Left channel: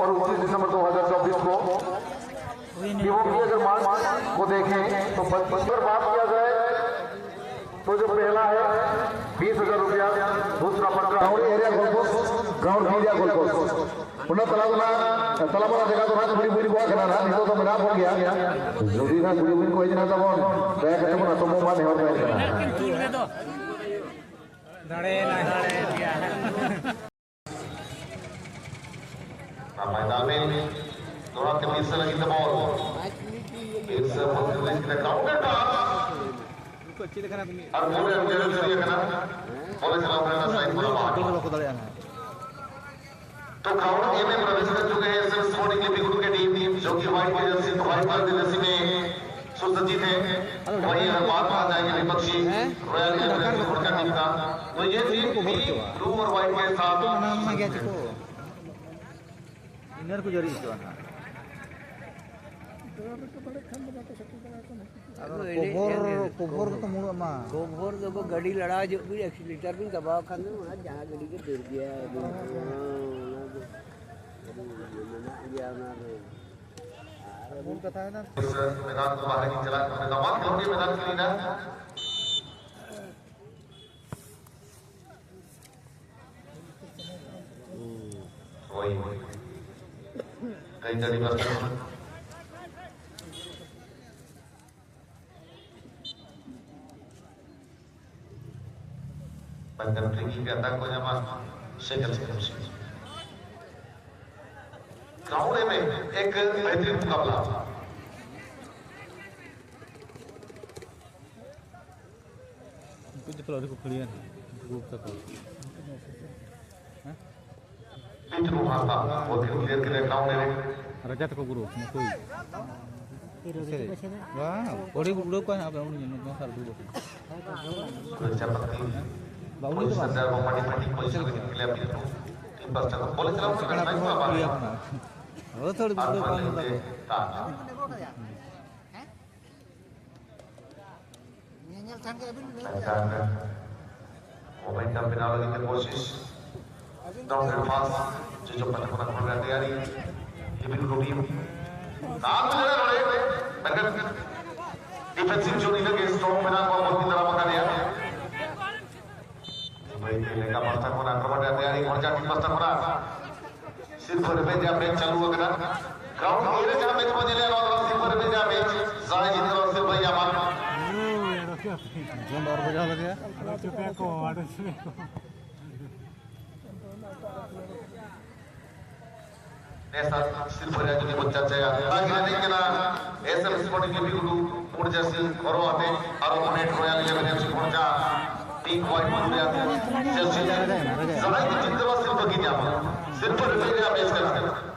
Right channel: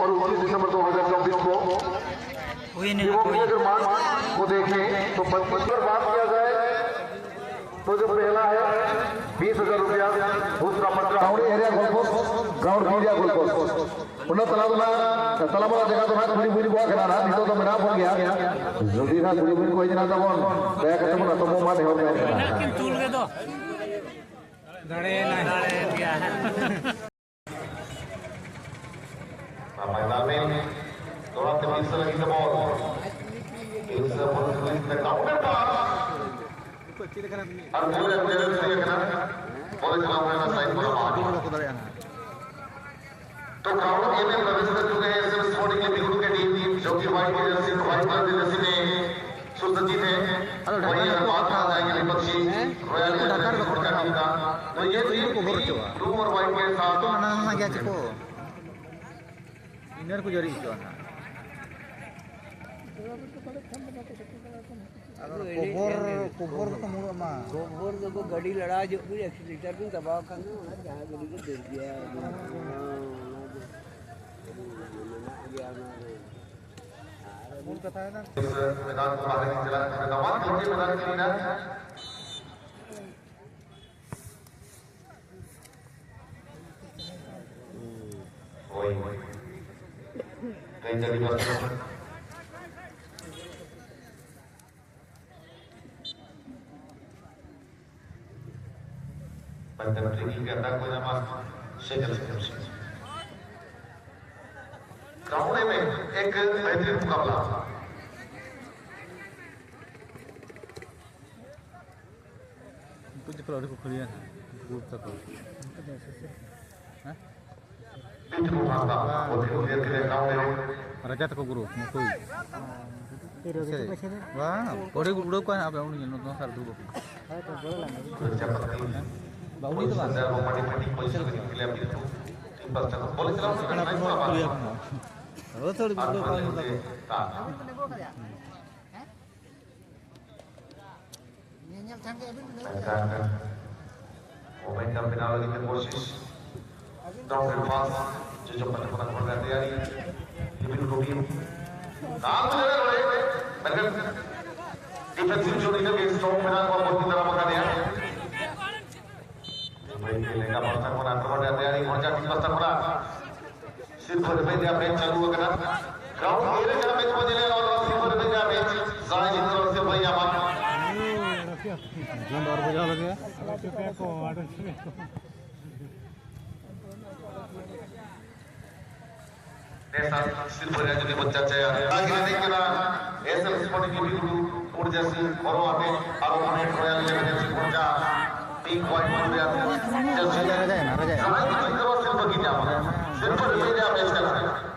और 29 दिसंबर 2024 को मार्च को देखें तो 25 बात किया जाए तो जो पहला है 20,000 रुपया, दूसरा 15 area goalpost ground area goalpost उन्हें तलाबा जगह जगह पूरी पूरी बुआ खेला रहा नहीं तो मना हो गया जल्दी ना पूरी पूरी कोई जना तो बैग है तो समूह में हो गया टूल दे दो गाड़े मैदान में थोड़ा तेज से लगी तो इस बहुत से ग्राउंड तो अच्छी दिखना तुम्हें अब पूरे अच्छी दिखना और सामने तो ग्राउंड के लिए प्रवेश कर चुके हैं सब स्पोर्टिंग के बिल्कुल के टीम जो कि भाई के जैसे भाई का दिवस ने सुंदर जी में हेलो ढाका को आता है ये बच्ची को ढाका को करना तो ये टीम को बोल चुका तो ना गया चिको इनर को जरी चुका ना कोभर तो मुड़ मा कोभर तो गाड़ी लड़ा जो भी एक्सीलेटर भी दबा खान जहां गाड़ी के गिर गया बोल पता है ना मैदान को बाहर की चला मैदान के मैदान के लिए ना वही कई जगह ट्रेनिंग के अंदर को जमा शेखर ग्राउंड में एक बेहतरीन मुकाबला कुछ खिलाड़ी को खिलाया ग्रुप तक राजा तक गुरु कोई वाह बड़े गुरु को आप उन्हें नो सार दो बाउनी तो बात सेकंड हाफ में क्लियर होना और थोड़ी गुरु का नहीं लगा नेल थांगे अभी नहीं मोमेंटम बिना लगी की कोशिश डाउन के पास जो पर हो रही है ये भी रोटी आप जो अगर डिफेंसिव जो के स्ट्रांग बना को बहुत तरह पकड़ लिया लेकर पत्थर पड़ा पड़ा तैयारी मजा की पत्थर पड़ा सिद्ध रुपए दे मैच चालू हो गया ग्राउंड मेरे जगह मैच बदले और सिद्ध रुपए दे मैच जाहिर तौर से भैया जंप और बजा लग गया चुके को ऐसा सिर्फ बजा के बच्चा चाहिए लेकिन ना ऐसे स्पोर्टिंग के भी ऊर्जा से और आते और हमें ट्रायल ले वजह से ऊर्जा 3 पॉइंट मिल रहा है जल्दी रह गया सिर्फ बच्चे ने मैच खेला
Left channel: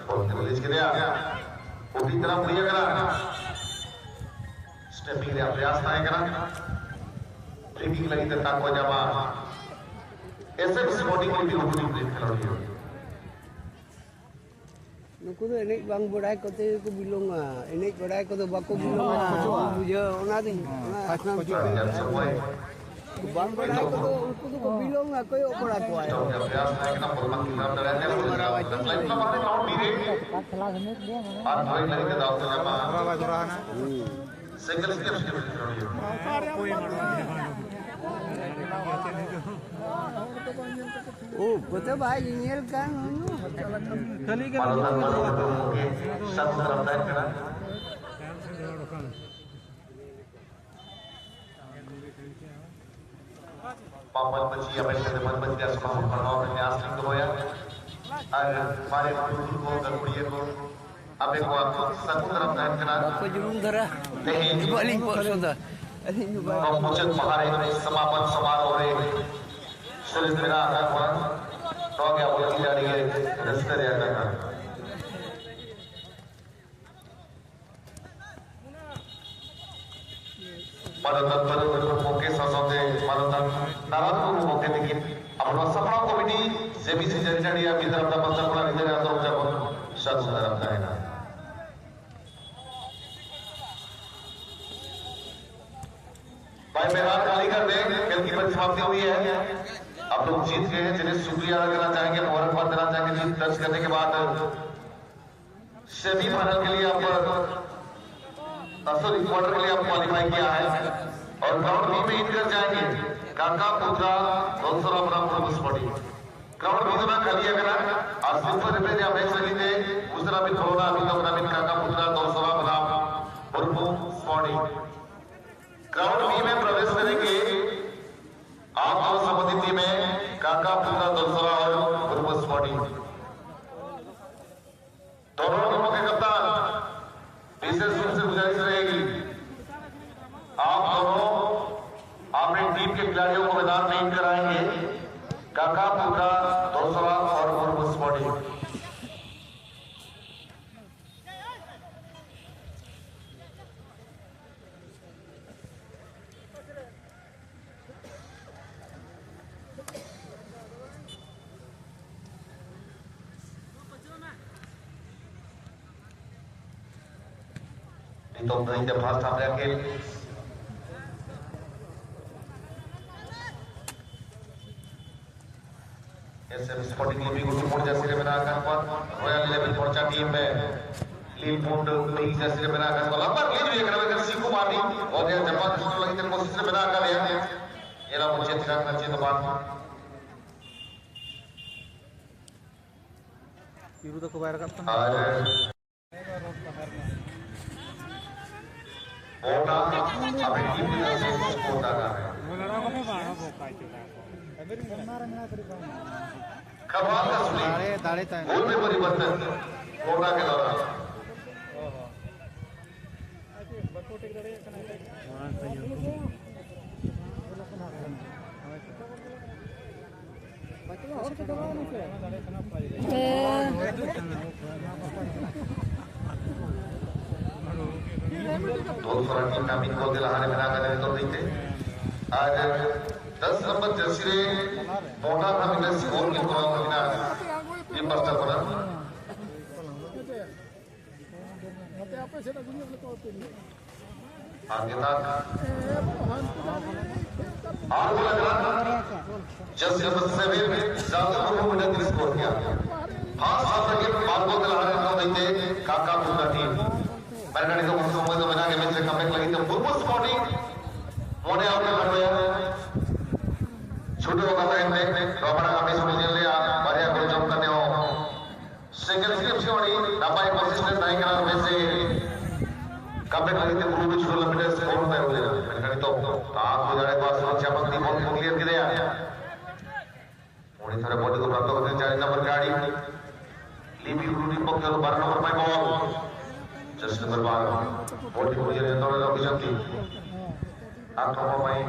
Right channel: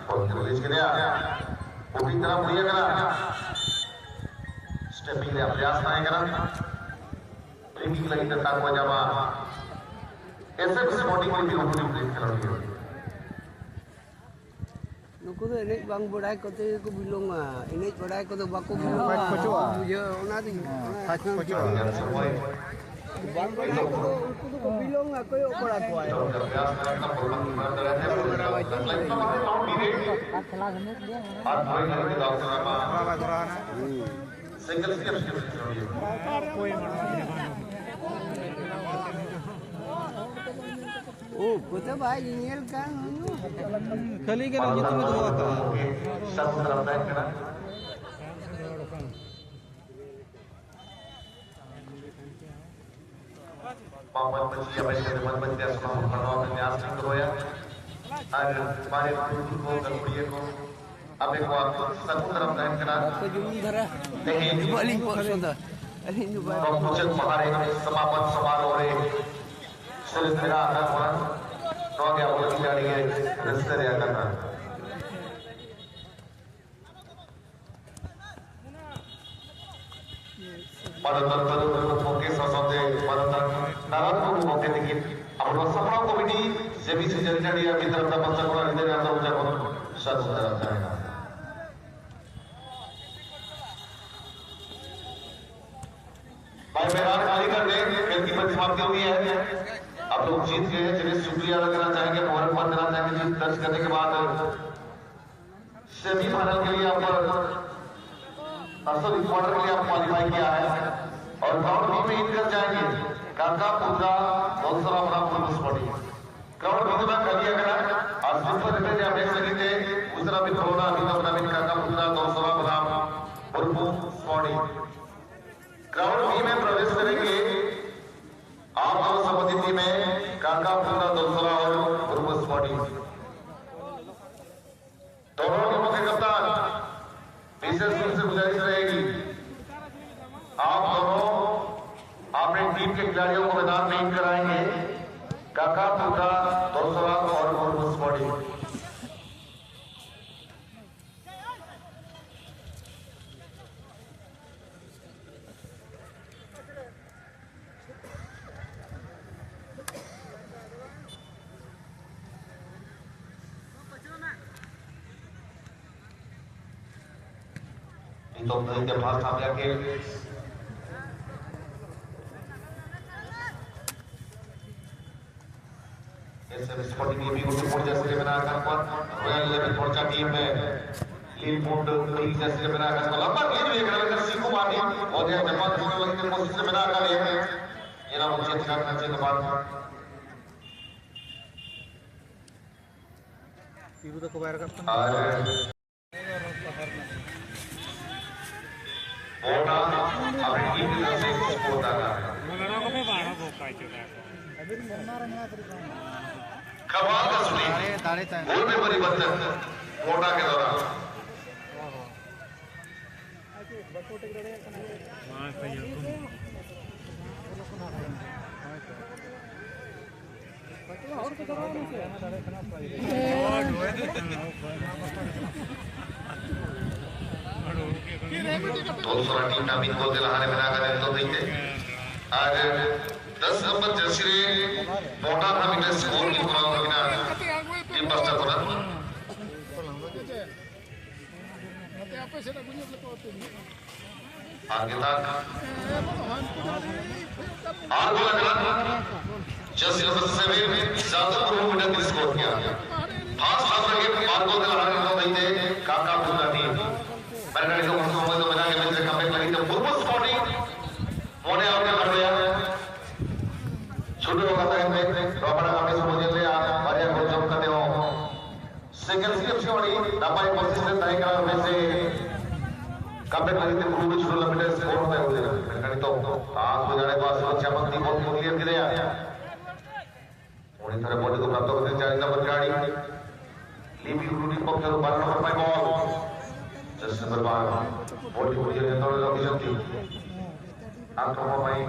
और पुलिस के लिए वो भी तरफ दिया गया स्टेपिंग का प्रयास करेगा ब्रेकिंग लगी तो ताक हो जावा ऐसे स्पोर्टिंग को भी देख रहा है नुकु तो एनेज बांग बड़ाई को तो को बिलोंगा एनेज बड़ाई को तो बाको बिलोंगा बुझे ओना दी फास्ट पचो बांग बड़ाई को तो उनको तो बिलोंगा कोई ओपड़ा को आया खेला घने दिया और कोई नहीं के दाव जमा बराबर जरा ना सिंगल स्किल कोई ओ कोता भाई इंजीनियर का कली के लिए तो आता पापा बच्ची अपने बच्चे बच्चे को पढ़ाओ न्यास नहीं होया और हमारे को ये को अबे को सब तरफ ध्यान करा आपको जुनून धरा नहीं वाली को खरीदा अरे ये बात मुझे हमारे समापन सवाल हो रहे सिलसिला तो क्या होती जा रही है रास्ते रहेगा परंतु मौके साथे परंतु नाराज मौके दिखे अब सफा कमिटी से भी से चर्चा की तरफ का पत्र पर इंदो यादव जब शब्द आता है भाई मैदान खाली कर दें क्योंकि मैच समाप्ति हुई है आप लोग जीत गए चलिए शुक्रिया अदा करना चाहेंगे मुबारकबाद देना चाहेंगे जीत दर्ज करने के बाद सेमीफाइनल के लिए आपका सॉरी क्वार्टर के लिए आप क्वालिफाई किया है और ग्राउंड बी में इंटर जाएंगे काका पुत्रा दौसरा बराबर स्पोर्टिंग ग्राउंड बी में कर दिया गया आज दूसरे में आप देख सकते हैं दूसरा भी कोरोना अभी तक नवीन काका पुत्रा दौसरा बराबर स्पोर्टिंग ग्राउंड बी में प्रवेश करेंगे आप जो संबंधित में काका पुत्रा दौसरा और स्पोर्टिंग दोनों टीमों के कप्तान विशेष रूप से गुजारिश रहेगी आप दोनों अपने टीम के खिलाड़ियों को मैदान में इन कराएंगे काका पुत्रा दौसरा और स्पोर्टिंग तो नहीं जब भाग सामने आके ऐसे स्पोर्टिंग टीम भी कुछ मोड़ जैसे बनाकर पर रॉयल लेवल पहुंचा टीम में लीड मोड नहीं जैसे बनाकर पर लंबा लीड भी कर रहे थे कुमार और ये जब दूसरा लगी तो कोशिश से बनाकर ये ना मुझे ध्यान रखिए तो बात इबू तो बाहर करता ओटा अपनी टीम की तरफ से ओटा का खबर का सुनिए गोल के परिवर्तन ओटा के दौरान दूसरा टीम नामित को दिलाने में आकर तो देखते आज 10 नंबर जर्सी मोटा नामित स्कोर की पूरा टीम पर चल रहा आगे तक आगे लगा जर्सी नंबर 7 ज्यादा लोगों ने स्कोर किया खास करके बाल को दिलाने में देखते काका पूरा टीम मैंने को मुझे तो बिना के मित्र कमेंट लगी तो पूर्व स्पोर्टिंग मोड़े आगे बढ़ गया छोटे होगा टाइम में रबर वापस समझ ले आ अरे बड़े जब करते हो सेकंड की छोड़ी हमारे पोजीशन नहीं करा वैसे कमेंट लगी तो पूर्व छोटे लंबे स्कोर पे हो गया मैंने तो आप गुजारे पास सुरक्षा बंदी को क्लियर कर दिया थोड़ी तरह बोर्ड को प्राप्त होते जाए नंबर गाड़ी लीपी ग्रुप को कर बढ़ना पड़ेगा जैसे दरबार बॉडी को ये तो लंबी चलती आंखों में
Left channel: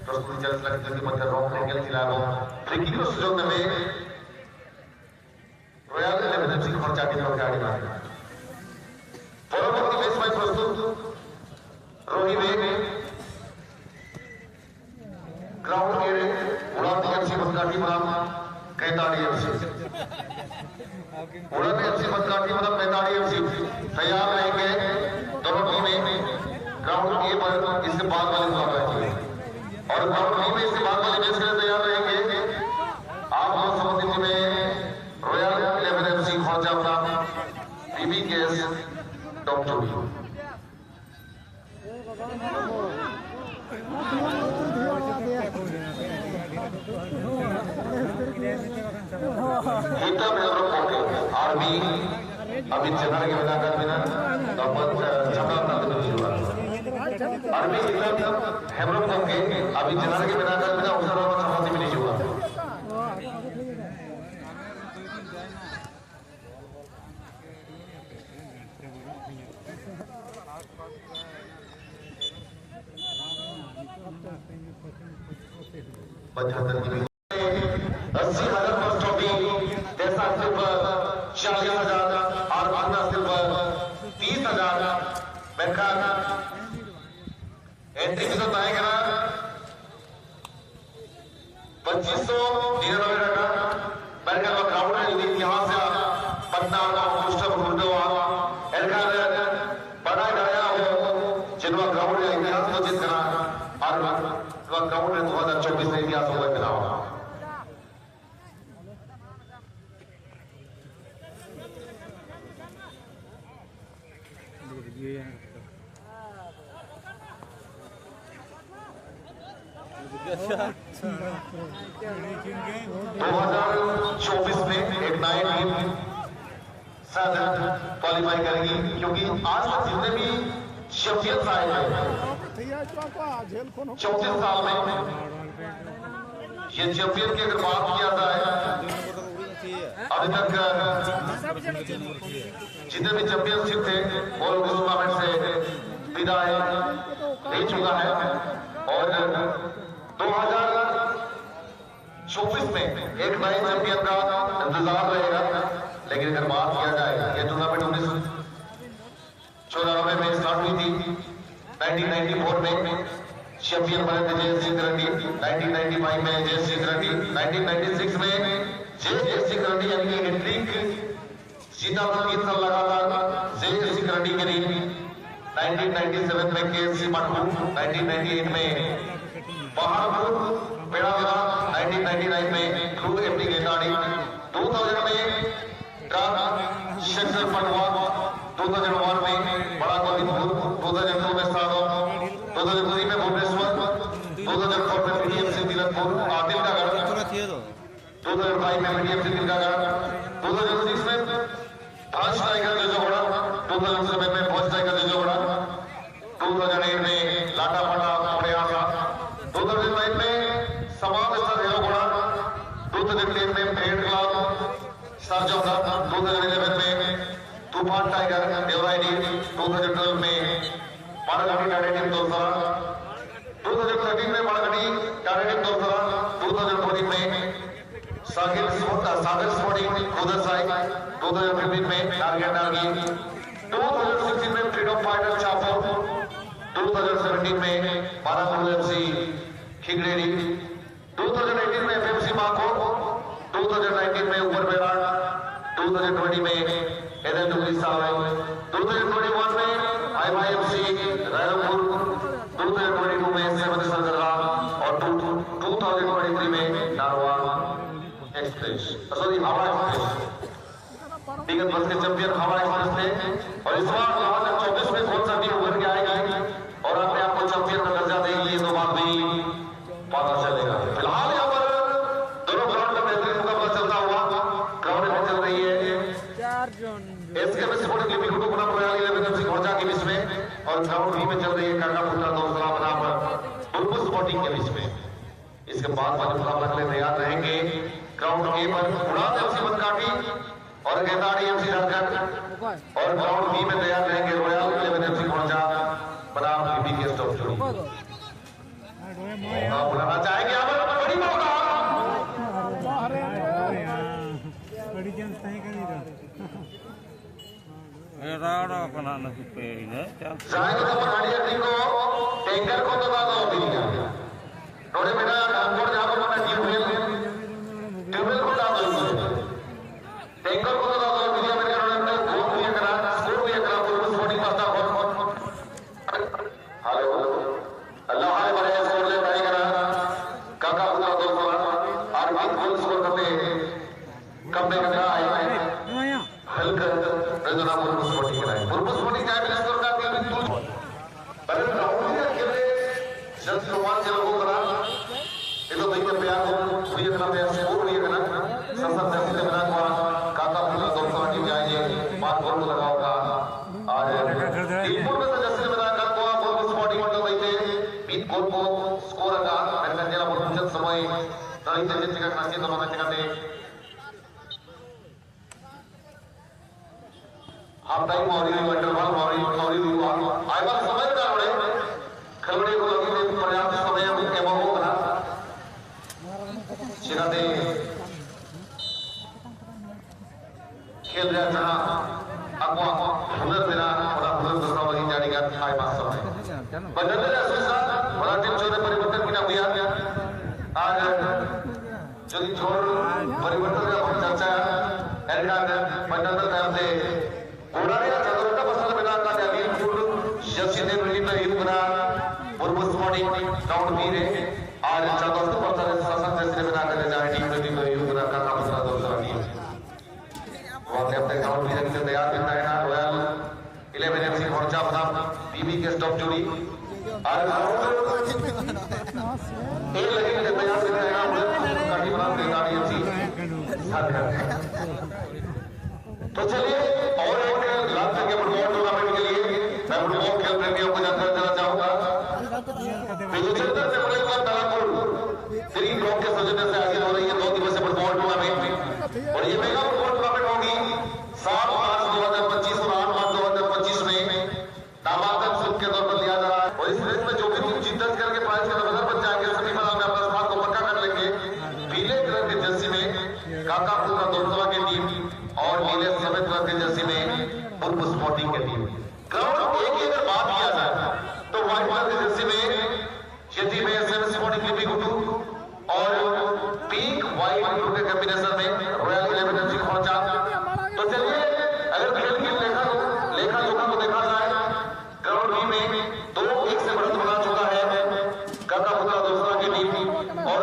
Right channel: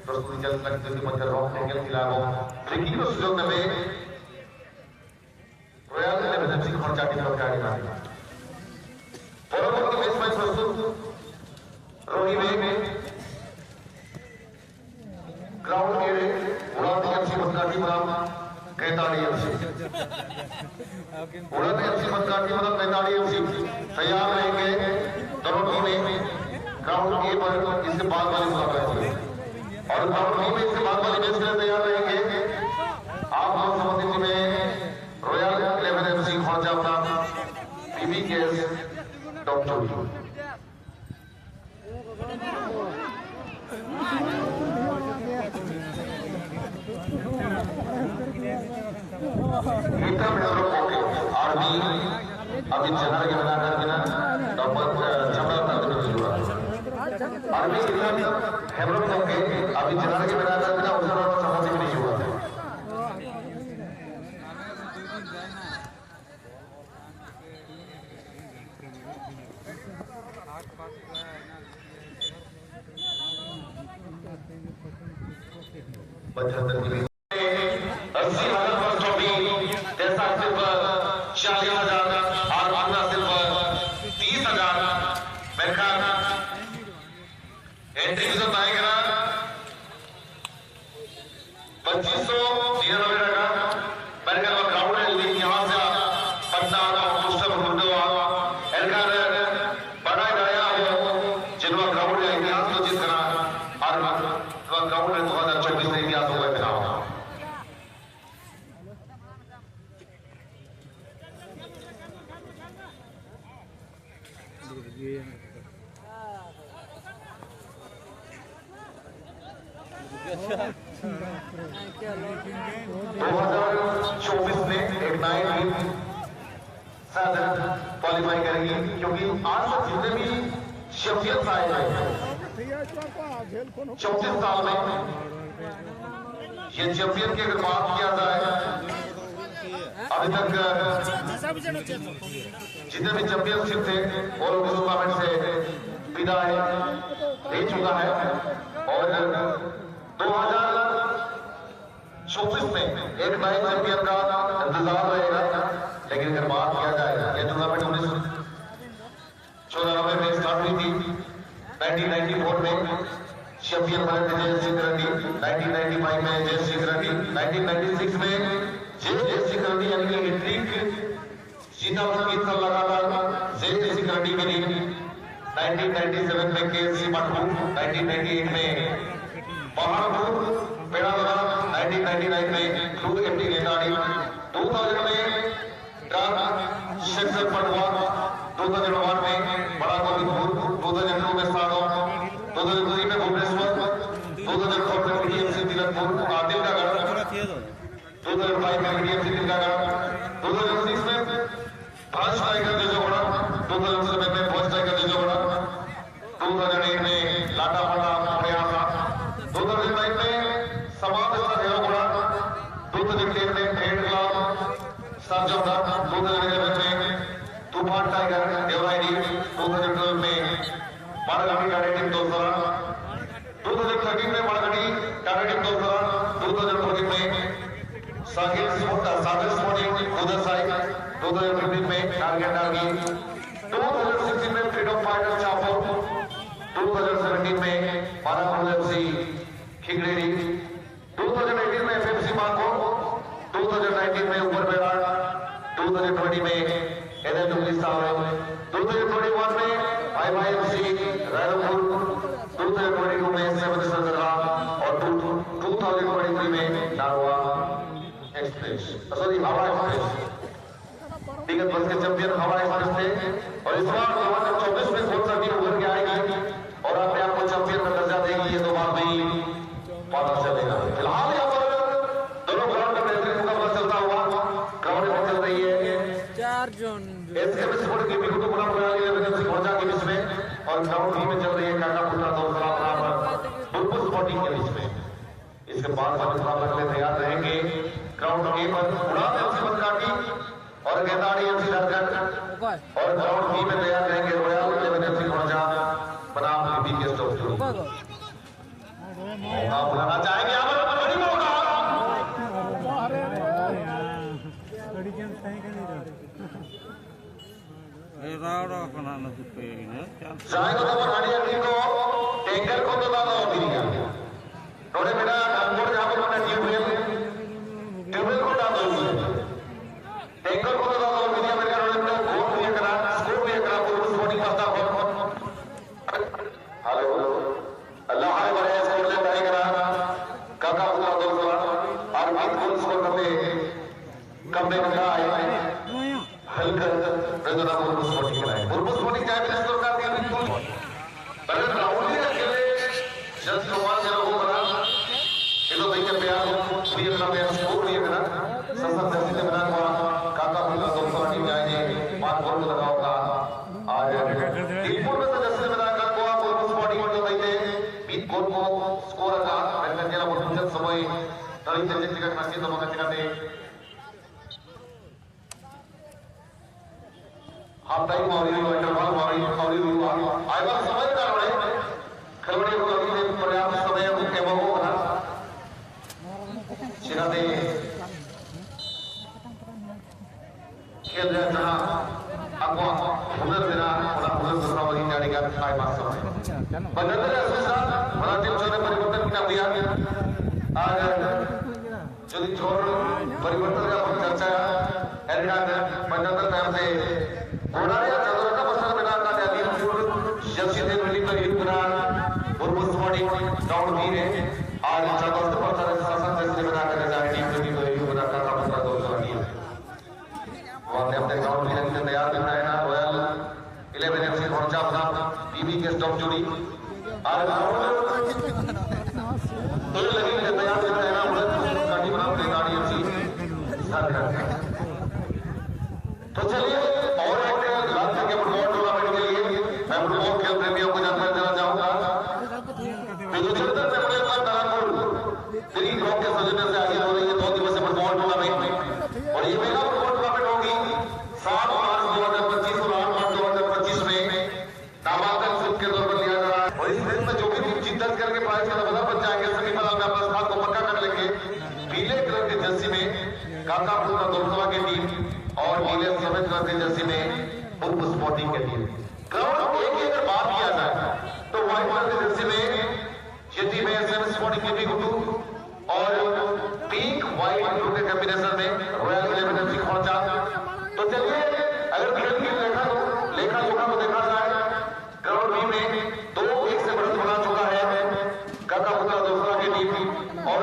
प्रस्तुत चल सकती है मतलब हम टेकल खिलाफ लेकिन उस जो में रॉयल इमरजेंसी खर्चा की गाड़ी और वो मैच में प्रस्तुत रोही में ग्राउंड के उड़ान एफसी भंगाटी प्राम 43 एफसी उड़ान एफसी भंगाटी प्राम 43 एफसी तैयार रहेंगे दोनों टीमें ग्राउंड के पर इससे बाद वाले मुकाबले होंगे और ग्राउंड में इससे बाद वाले मैच में तैयार रहेंगे आप लोग संबंधित में रॉयल 11 एफसी खर्चा प्राम बीबी केस डॉक्टर अभी चंद्र के बना कर अभी चंद्र के बना कर मिली हुआ बच्चों की 80,000 जैसा सिर्फ 40,000 और अपना सिर्फ 30,000 बैठकर एंट्री फीस आएगा 2599 रखा बैठकर वो ग्राउंड में लीग यहाँ से कप्तान और पोस्टर ढूंढो एलकार बनाया गया हो जिनका ग्राउंड में इतिहास को जिस तरह और ग्राउंड में 2024 में इतिहास को रखा 2024 में एक नई टीम क्वालिफाई करेगी, क्योंकि आज जितने भी चैंपियंस आए हैं 34 साल में, ये चैंपियन की अगर बात किया जाए अभी तक जितने भी चैंपियनशिप थे और उस टूर्नामेंट से विदाई दे चुका है। और 2024 में एक नए चैंपियन का इंतजार रहेगा। लेकिन अगर बात किया जाए ये टूर्नामेंट 1994 में स्टार्ट हुई थी, 1994 में चैंपियन बने थे जयसिंह करंडी, 1995 में जयसिंह करंडी, 1996 में जयसिंह करंडी यानी कि हैट्रिक जीता और 3 साल लगातार जयसिंह करंडी के लिए, 1997 में केएससी माटू, 1998 में बहादुर पेड़ावरा, 1999 में ध्रुव एमडी गेलानी, 2000 में शेखर पटवा, 2001 में बड़ा गोविंदपुर, 2002 में सागौन, 2003 में भुवनेश्वर, 2014 में डीएमसी तिलकपुर, आदिल का गढ़, 2005 में डीएमसी तिलकागढ़, 2006 में भाजपा का जजोड़ा, 2007 में भोजपुर का जजोड़ा, 2008 में लाटापड़ा प्रयासा, 2009 में समाज का जजोड़ा, 2013 में भेड़ला सरजोदा, 2011 में तूफान टाइगर डिवाइडी, 2012 में बाड़गढ़ी कैरेटिंग तोलसा, 2013 में बाड़गढ़ी कैरेटिंग तोलसा, 2014 में सागर स्पोर्टिंग उधर साइड, 2015 में टारगेट नागी, 2016 में फ्रीडम फाइटर चापोर, 2017 में बारामूला एफसी खिगरेरी, 2018 में एफएमसी माको, 2019 में ऊपर बेड़ा, 2020 में एलएनडब्ल्यू साल, 2021 में आईवाईएफसी रायपुर, 2022 में सेवन सरदार और 2023 में नारवा एक्सप्रेस, सॉरी हवा एक्सप्रेस विगत वर्ष के चैंपियन हवा एक्सप्रेस थे। और इस बार 2024 में कौन सा टीम उभर के आएगी और अपने आप को चैंपियन का दर्जा देगी, ये तो बात नहीं पता चलेगा। फिलहाल यहाँ पर दोनों ग्राउंड का बेहतरीन मुकाबला चलता हुआ ग्राउंड में चल रही है एसकेएमएस स्पोर्टिंग क्लब कुटुंबपुरा रॉयल एफसी खोजा के बीच में, और ग्राउंड बी में चल रही है काकापुरा दोसा बराबर टूटू स्पोर्टिंग के बीच में। इसके बाद वाले मुकाबले के लिए तैयार रहेंगे ग्राउंड ए पर उड़ान एफसी बनकाटी और गेंदाड़ी एफसी रंगत, और ग्राउंड बी में तैयार रहेंगे रॉयल इलेवन एफसी खोजा बराबर बीके स्टोर। बुलाना चाहेंगे आप खेल रहा था आपको हुनर मेरा और हुनर दूसरा वाली जाने का था पास में बदलने से बड़ा दिन छोटा परिवर्तन बना दिया आज जो छोड़ परिवर्तन का पहुंचाया एरिया मंडल करते गोलाया छोटा बसा बना का दिया जैसे ने मिली में हिल बना पूर्व स्पोर्टिंग ग्राउंड भी ने आज चतुर्थ पहुंचा शासन जैसे बना कर जाने टीम ने भी हिल बना का दूसरा दूसरा नहीं और अपने ग्राउंड से तैयार बनाया रॉयल 11 से पहुंचा टीवी के स्टॉप जोड़ी आज तो चलिए और एक लाख के फुटबॉल टूर्नामेंट के लिए मैं फुटबॉल खेल प्रेमियों को जब मैं चाहूंगा तीन ब्लॉक के सदस्यों से आगे हो रही है 2 दिवसीय फुटबॉल टूर्नामेंट और ये मेगा फुटबॉल टूर्नामेंट होगी 7 मार्च 2025 को 8 मार्च 2025 में नामांकन शुल्क के तौर पर लिया जा रहा है और इसमें तो जो भी जीत दर्ज करके पास का नंबर बच्चा आगे सभी वाला मैं अपने बात को पता कर लेंगे नीले कलर की जर्सी में काकापुर दोस्तों की टीम और नीले सफेद कलर की जर्सी में उर्फ स्पोर्टिंग की टीम ग्राउंड एक ही अगर बात किया जाए तो व्हाइट कलर की जर्सी में यदि में एसएम स्पोर्टिंग की गुड्डू और पिंक व्हाइट ब्लू के कॉम्बिनेशन में रॉयल इलेवन सिक्स पहुंचा तो चलिए अगर खेल की लेखा लोगों को देखा जाए ग्राउंड बी में 2-1 से बढ़त बना चुका है काकापुर दोस्तों की टीम और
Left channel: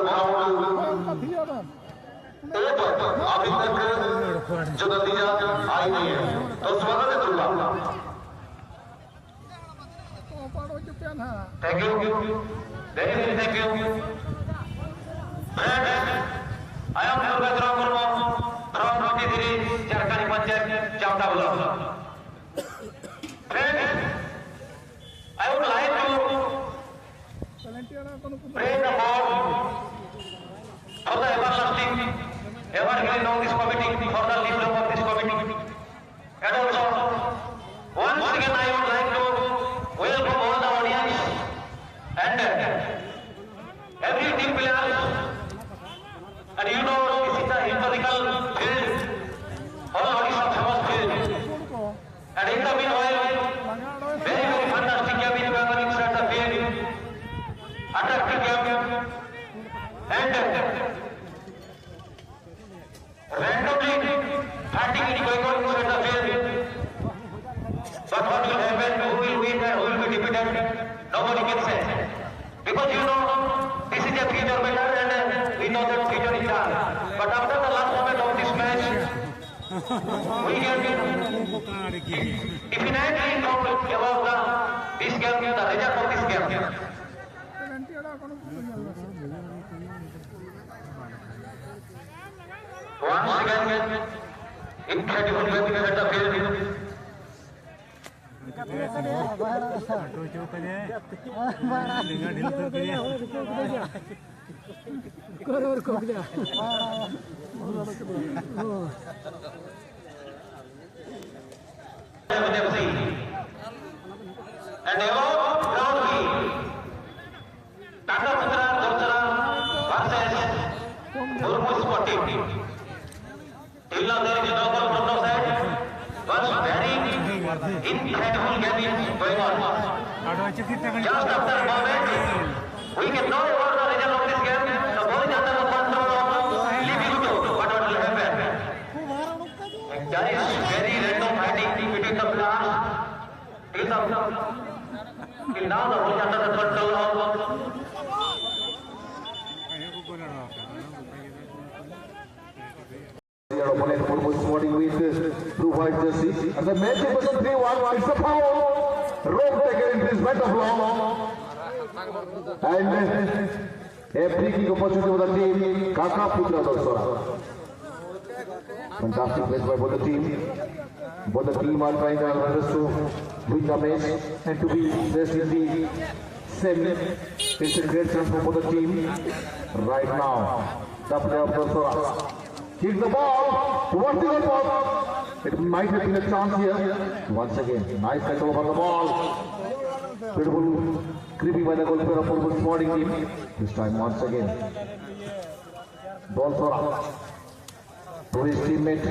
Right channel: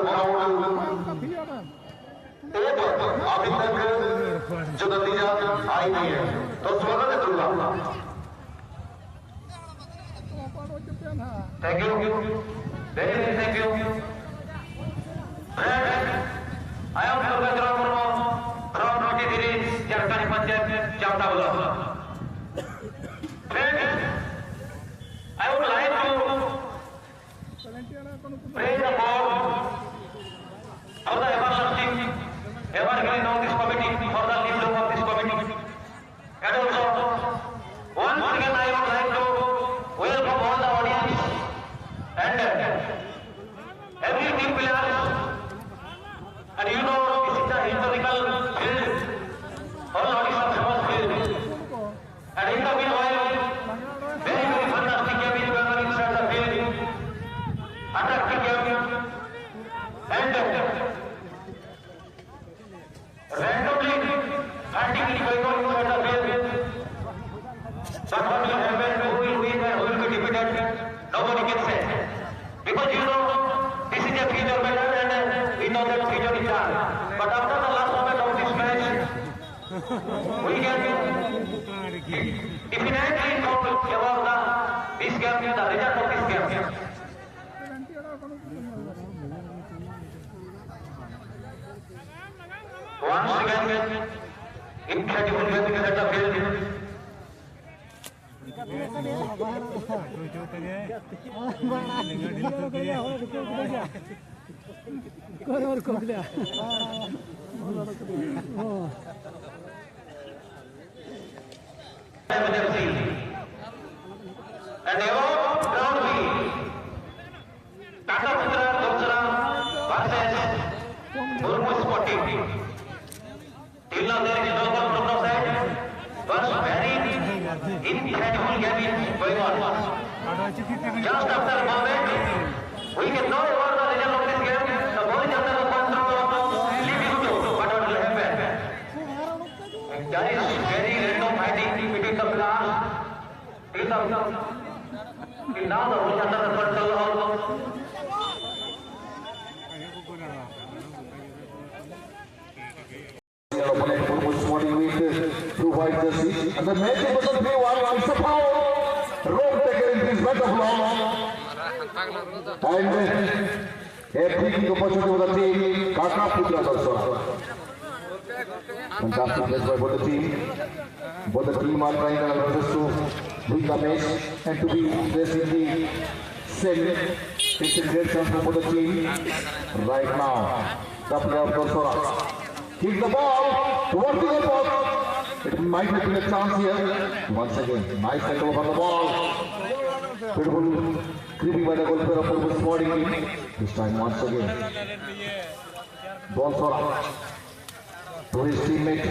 अभी तक जो नतीजा आई है तो स्वागत है दूंगा thank you very very thank you I am Durga from 43 Jharkhand Panchayat Chamda Block. I would like to pray about how the everlasting evergreen of this committee, for the leader of this committee, and also once again I would like to welcome all the audience and every team player. And you know, this is a historical field, all is a famous field. And in the meanwhile, very, very fantastic game is going on inside the field. Attractive game. And randomly, hunting is going on inside the field. But what will happen, who will win and who will be defeated, nobody can say. Because you know, this is a future battle and we know that future is done. But after the last moment of this match, we can definitely talk about this game, the result of this game. Once again, incredible game at the field. Just after a moment, we can know about the result of this game. The ball is under the control of Livingston. What will happen? And there is very random fighting between the players. Now the ball under the control of and the match is 3-1. It's a foul. Rope taken in his better block. And a free kick opportunity for the team. Kakaputra also. Fantastic play by both the team. Both the team are trying their best to win the match and to be placed in the semi. It's a great chance for the team. Right now, the player of Dorsora. Hits the ball. Vertical ball. It might have been a chance here. Once again, nice tackle over the ball. Beautiful creeping by the goalkeeper of Purple Sporting. This time once again. Ball thrown out to his teammate.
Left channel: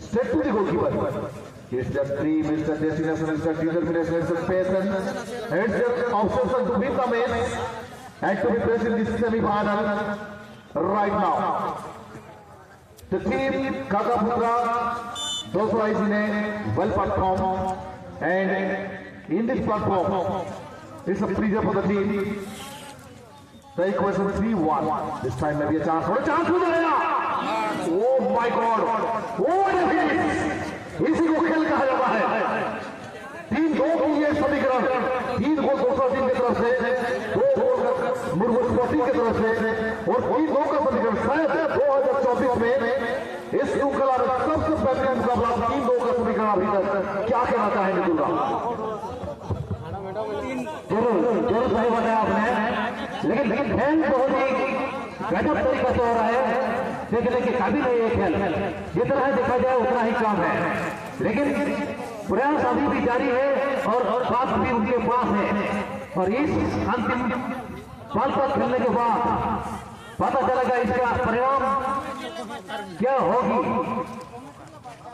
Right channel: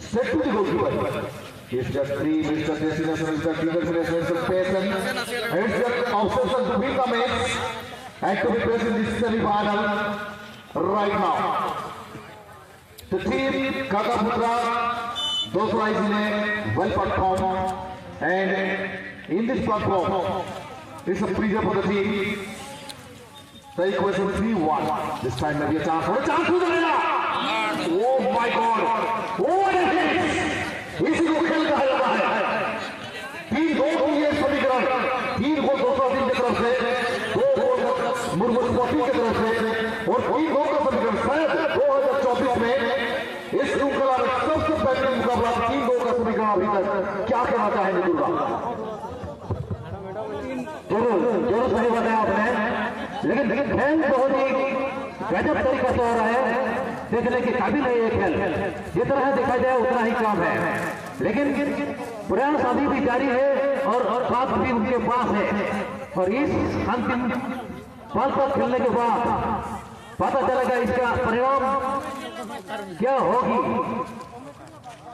Straight to the goalkeeper. It's just 3 Mr. Destination, Mr. Cleveland, Mr. Payson. And it's just obsession to beat the match and to be placed in this semi-final right now. The team Kakaputra, those who are in a well platform and in this platform, it's a pleasure for the team. The equation 3-1. This time maybe a chance for a chance for the winner. Oh my God! What a hit! Easy to kill the hell. इस श्रृंखला में सबसे बेहतरीन मुकाबला 3-2 का समीकरण अभी तक। क्या कहना चाहेंगे दूल्हा? जरूर सही बताया आपने, लेकिन खेल बहुत ही गजब तरीका से हो रहा है, देखने के काबिल है ये खेल। जितना देखा जाए उतना ही कम है, लेकिन प्रयास अभी भी जारी है और साथ अभी उनके पास है। और इस अंतिम पल पर खेलने के बाद पता चलेगा इसका परिणाम क्या होगी।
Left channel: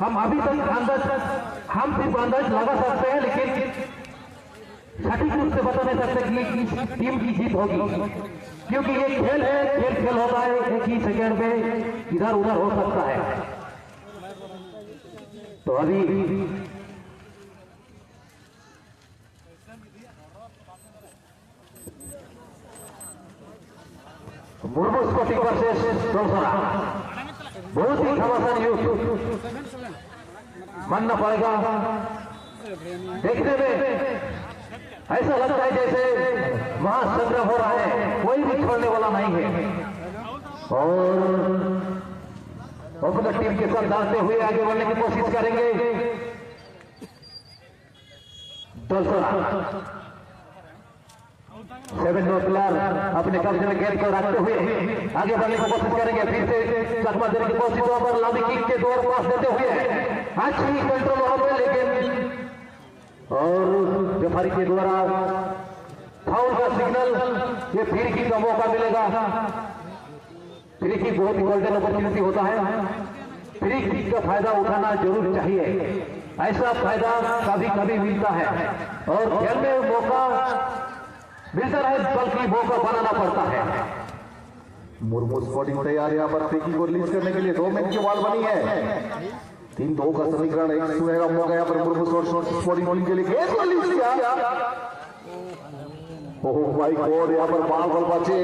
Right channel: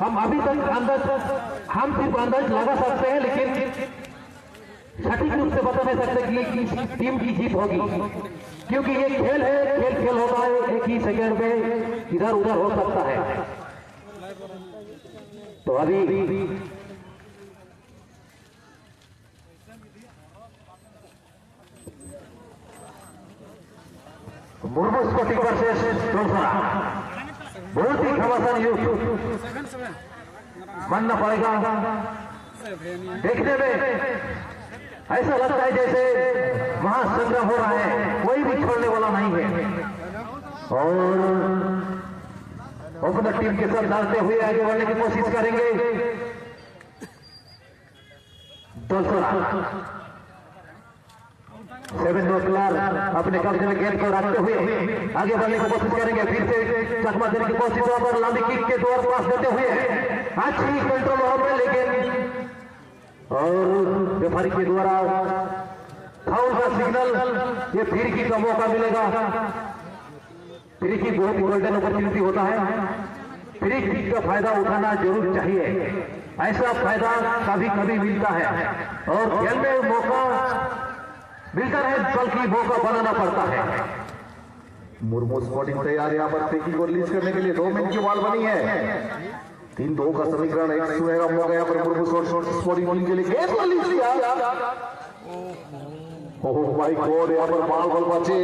हम अभी तक हम सिर्फ अंदाज लगा सकते हैं, लेकिन सटीक रूप से बता नहीं सकते कि किस टीम की जीत होगी, क्योंकि ये खेल है, खेल होता है, एक ही सेकंड में इधर उधर हो सकता है। तो अभी मुर्मू स्पोर्टिंग वर्सेस डोलसरा, बहुत ही घमासान युद्ध मानना पड़ेगा। देखने में ऐसा लगता है जैसे महासंग्राम हो रहा है, कोई भी छोड़ने वाला नहीं है। और अपनी टीम के साथ डालते हुए आगे बढ़ने की कोशिश करेंगे डोलसरा। 7 प्लेयर अपने कब्जे में गेंद को रखते हुए आगे बढ़ने की कोशिश करेंगे। फिर से चकमा देने की कोशिश पर लांबी किक के 2 पास देते हुए अच्छी कंट्रोल वहां पर, लेकिन और रेफरी के द्वारा फाउल का सिग्नल, ये फ्री किक का मौका मिलेगा। फ्री किक बहुत ही गोल्डन अपॉर्चुनिटी होता है, फ्री किक का फायदा उठाना जरूर चाहिए। ऐसा फायदा कभी कभी मिलता है और खेल में मौका मिलता है, बल्कि मौका बनाना पड़ता है। मुर्मू स्पोर्टिंग तैयार है यहाँ पर फ्री किक को रिलीज करने के लिए। 2 मिनट की बॉल बनी है, 3-2 का समीकरण। एक सुनहरा मौका यहाँ पर मुर्मू स्पोर्टिंग टीम के लिए गेंद को रिलीज किया। ओह माय गॉड, यहाँ पर बॉल बचे।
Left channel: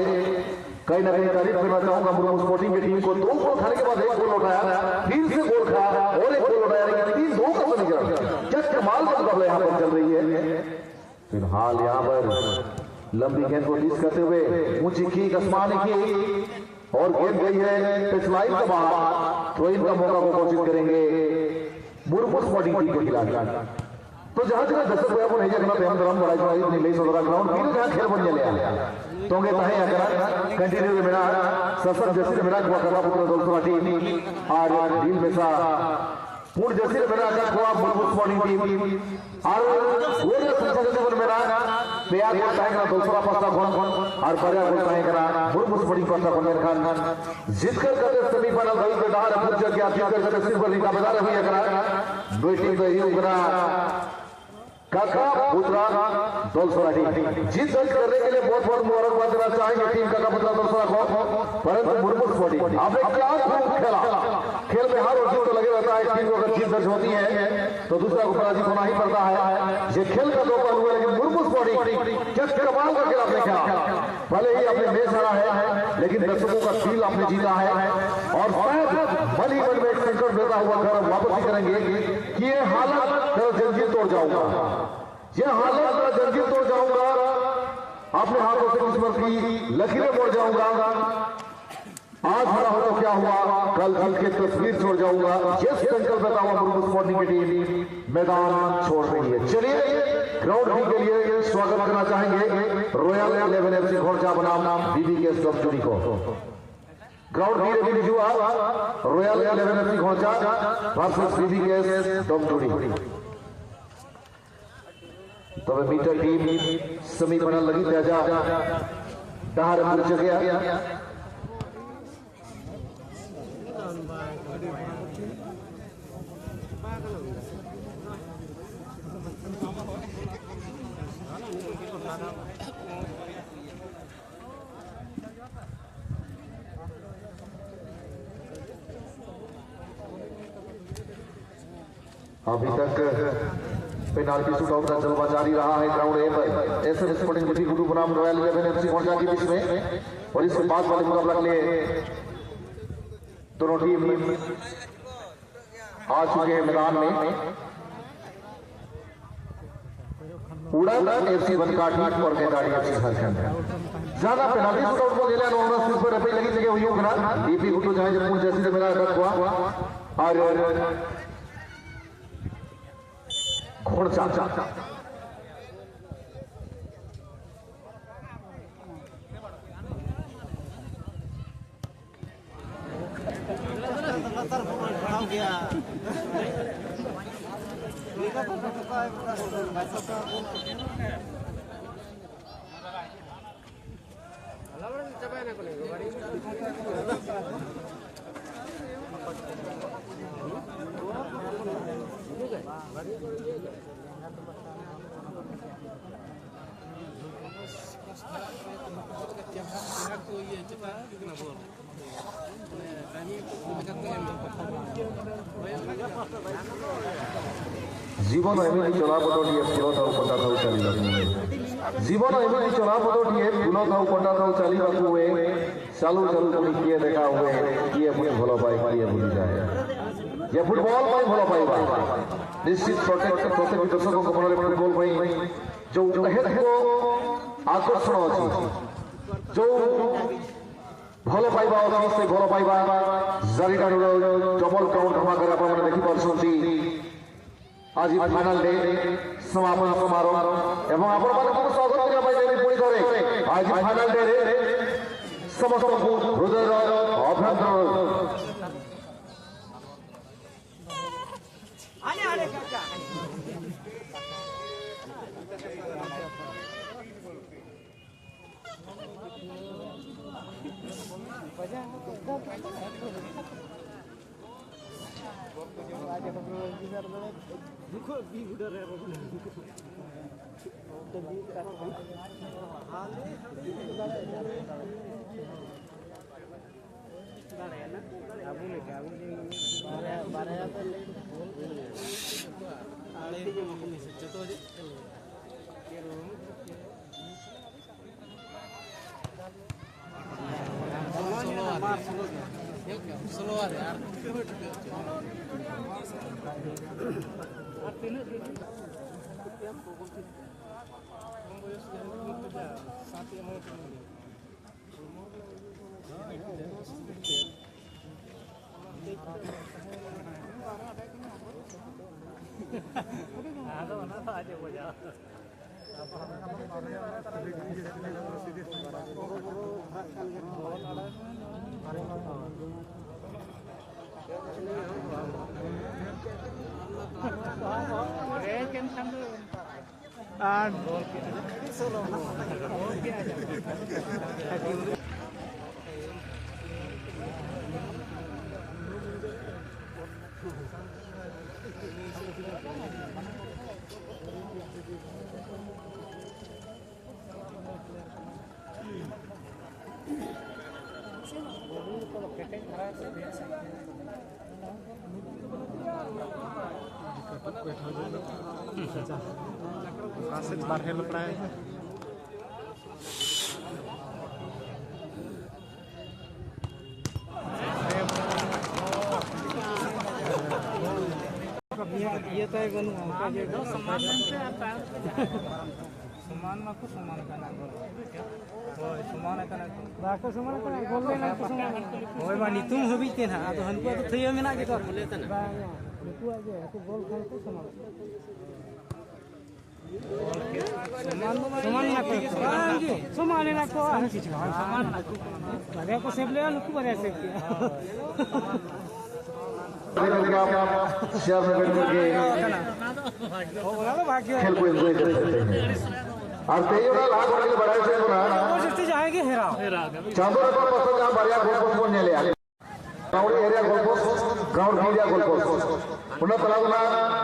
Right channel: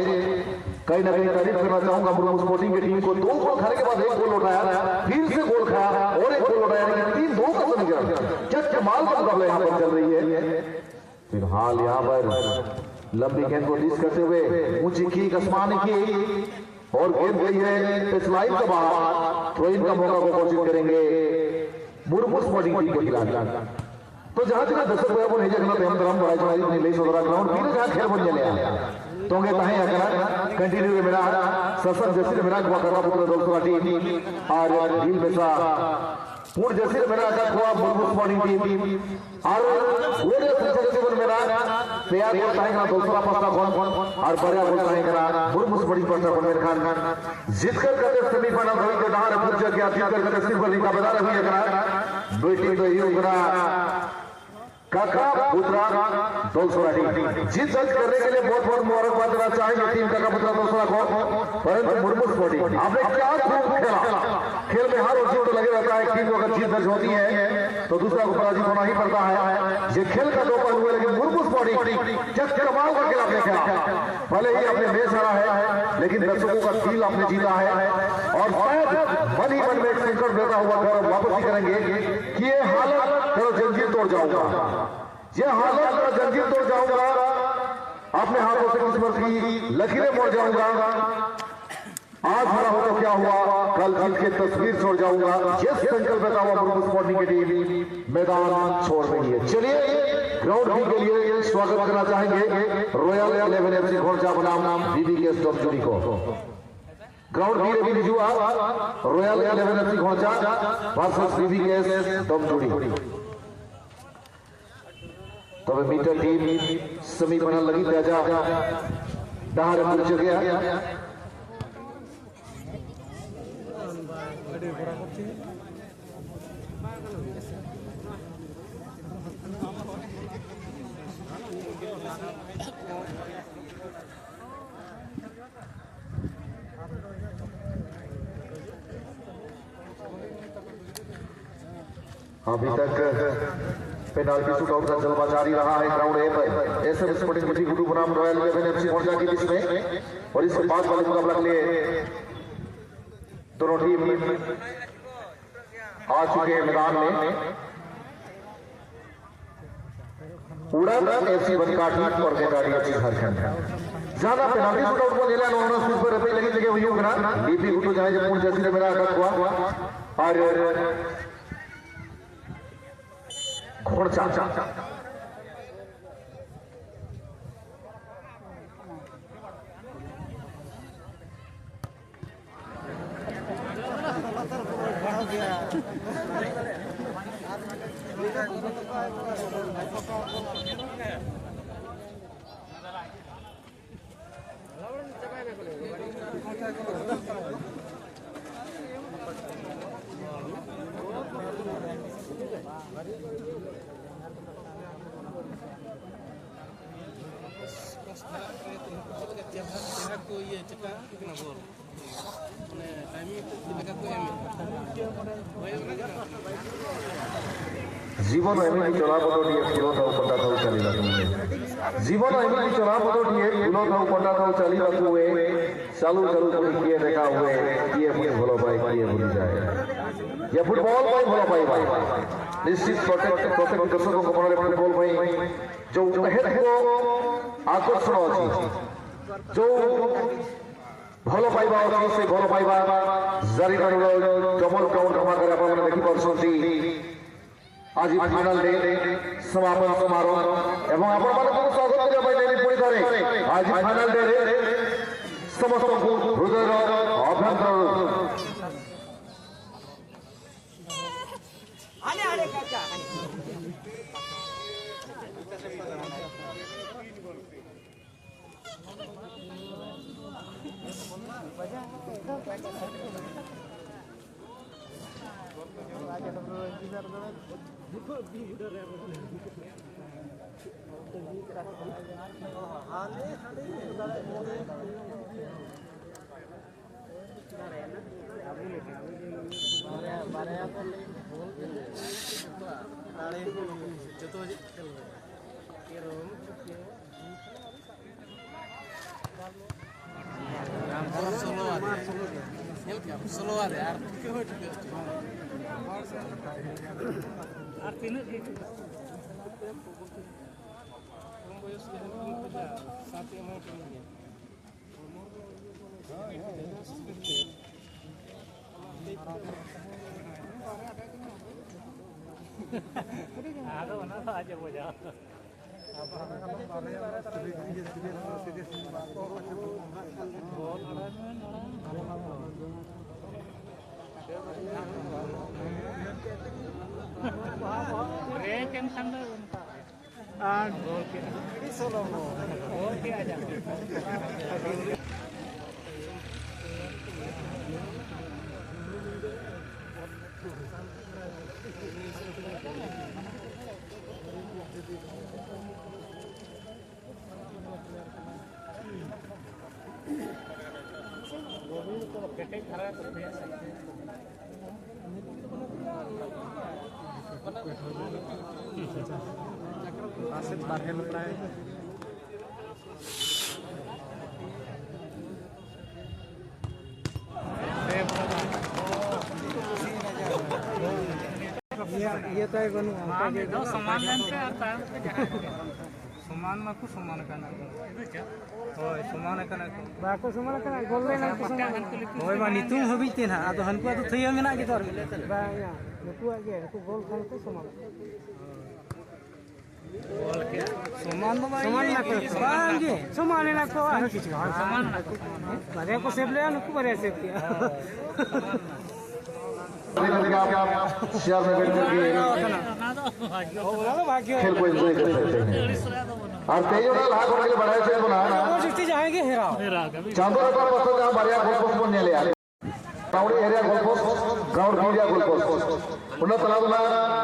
कहीं ना कहीं तारीफ करना चाहूंगा मुर्मू स्पोर्टिंग की टीम को। 2 गोल खाने के बाद 1 गोल उठाया, फिर से गोल खाया और 1 गोल उठाया, लेकिन 3-2 का समीकरण। क्या कमाल का मुकाबला यहाँ पर चल रही है। फिलहाल यहाँ पर लंबी गेंद को रिलीज करते हुए ऊंची की आसमान की और गेंद गई है टच लाइन के बाहर। थ्रो इन का मौका को कोशिश करेंगे मुर्मू स्पोर्टिंग टीम के खिलाफ। तो जहां जगह दर्शक हुआ वो नहीं जगह हम ग्राउंड बड़ा जो नहीं ले सकता ग्राउंड पीने जहां खेल बन जाए तो ताहे अगर कंटिन्यू के मेरा ससन जैसे मेरा करना पुत्र डोलसरा टीम और डील में सा पूर्ण जैसे मेरा का थोड़ा मुर्मू स्पोर्टिंग टीम और वो जैसे मेरा तैयार होता है डोलसरा पास्ता कौन और बड़ा होता है करा मुर्मू स्पोर्टिंग पास्ता को मेरे खान जीतकर करते सेमीफाइनल धड़ी के डार पूछ के आप जीतकर करते सेमीफाइनल का मैदान हुई करा दो टीम तो ये उनका काका पुत्रा डोलसरा टीम जीत दर्ज करने के लिए बहुत बहुत मुबारकबाद देना चाहेंगे टीम काका पुत्रा डोलसरा को। परंतु मुर्मू स्पोर्टिंग आपने क्या खूब खेला, खेल में हर उसी को लगे रहता है। टीम अगर जीत दर्ज होती है तो दूसरा को पराजित होना ही पड़ता है। ये खेल का दो पहलू है, लेकिन मुर्मू स्पोर्टिंग क्या कमाल का खेल आपने खेला। भले ही आपने मैच हारा है, लेकिन दर्शकों का दिल आपने जीता है और शायद मन ही मन में एक संकट देता हुआ गौरव वापस करेंगे कि ये हालत तो जंजीर तोड़ जाऊंगा, ये हालत का जंजीर तोड़ जाऊंगा, अपने हाथों से कुछ की लकीरें मोड़ जाऊंगा। आज हारा हो तो क्या हुआ, कल जीत के तस्वीर छोड़ जाऊंगा। ये संकल्प रखा हुआ मुर्मू स्पोर्टिंग की टीम मैदान छोड़ रही है। चलिए ग्राउंड बी के लिए स्वागत करना चाहेंगे रॉयल 11 FC खोंचा बनाम VVKS डोमजुड़ी को। ग्राउंड बी रेडी जुआ रॉयल 11 FC खोंचा वर्सेस VVKS डोमजुड़ी। तब मीटर टीम सेमीफाइनल लगी तेजा डहार पहुंच गया। अभी तक पेनाल्टी शूटआउट का जलवा जारी रहा है ग्राउंड ए पर। ऐसे स्पोर्टिंग टीम गुरु बनाम रॉयल 11 FC खोंचा के बीच में और इसके बाद वाले मुकाबला के लिए दोनों टीम आ चुके हैं मैदान में। उड़न FC बनकाठी और गेंदारी FC झारखंड ज्यादा पेनाल्टी शूटआउट को जिला 9 सुपर रफी लगी लगे हुई डीपी गुटू जहां जब जैसे मेरा अटक हुआ और घोड़चा जीवन एमती चलापटे फूल था पंडा था चलने जीवन एमती चलापटे फूल था पंडा था चलने चालू चालू पुणी किए देखा हुए किए पुणी भल पाए किए भूली जाए ये फुटबॉल भल पाइबा निश्चित प्रत्येक दर्शकों मन में फुटबॉल जो आकर्षण अच्छी जो भल पाइबा अच्छी से भल पाइबा जारी डबल काउंट हमारे देखिपी आज फाइनल डे समापन समारोह एवं आपण स्वागत करने आज फाइनल डे समस्त हृदय अभ्यंतर कासेट बारहे लपड़ा है ये तो एक बनू का के समान में कुछ समान करना होय समान करना बाको समान करना गोल लेना को समान होय बा नितुम हबी ते ना आदो हनको तो थयो मेना के बा या नुकु आगे नुकु गोल खान को समान समान ना को समान ना को आर किछ समान ना को बारे को सेब ले नुकु बारे सेब किया सियार में के ओ ना भाग्य खेल को एंजॉय कर सकते हैं और कई बार लाग वाले बढ़ाए से ना वो जितनी जाएंगे हेराओ चांदो का पसंद आ बढ़िया गोल पोस्ट को ले आ गांव एरिया गोल पोस्ट गांव एरिया गोल पोस्ट उन्हें तलाबना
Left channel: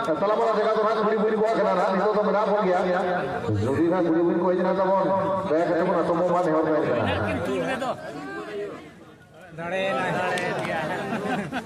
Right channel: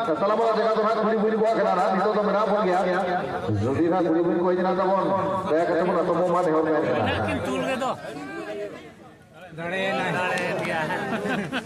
जगह तो बुरी बुरी बुआ खेला था नहीं तो मना हो गया जल्दी ना बुरी बुरी कोई जना तो हम बैक से पूरा समूह में ढेर में लेकिन तू ले दो